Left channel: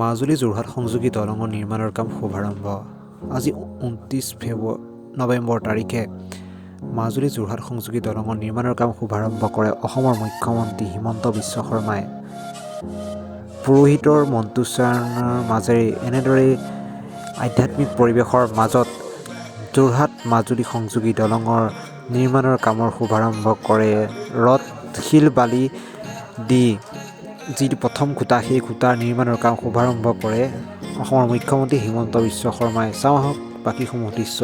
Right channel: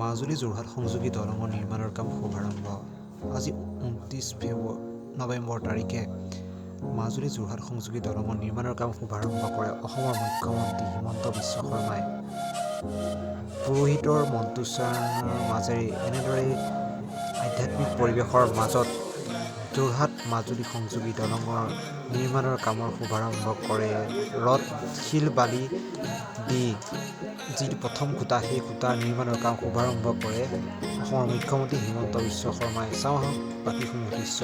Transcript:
মাজুলী যোৰহাট সংযোগী দলঙৰ নিৰ্মাণৰ কাম শুভাৰম্ভ। আজি 29 নৱেম্বৰ তাৰিখে মাজুলী যোৰহাট সংযোগী দলঙৰ নিৰ্মাণৰ কাম শুভাৰম্ভ কৰে অসমৰ মুখ্যমন্ত্ৰী হিমন্ত বিশ্ব শৰ্মাই। পুৰোহিতৰ মন্ত্ৰোচ্চাৰণৰ মাজেৰে এনেদৰেই আধ্যাত্মিক পৰিৱেশৰ মাজত যোৰহাট মাজুলী সংযোগী দলঙৰ নিৰ্মাণৰ কামৰ শুভাৰম্ভ কৰে। ৰদ শিল বালি দি যিটো প্ৰথম খুঁটা, সেই খুঁটাৰ নিৰ্মাণৰ কাম শুভাৰম্ভ কৰে অসমৰ মুখ্যমন্ত্ৰী হিমন্ত বিশ্ব শৰ্মাই। চাওঁ আহক বাকীসমূহ দৃশ্য।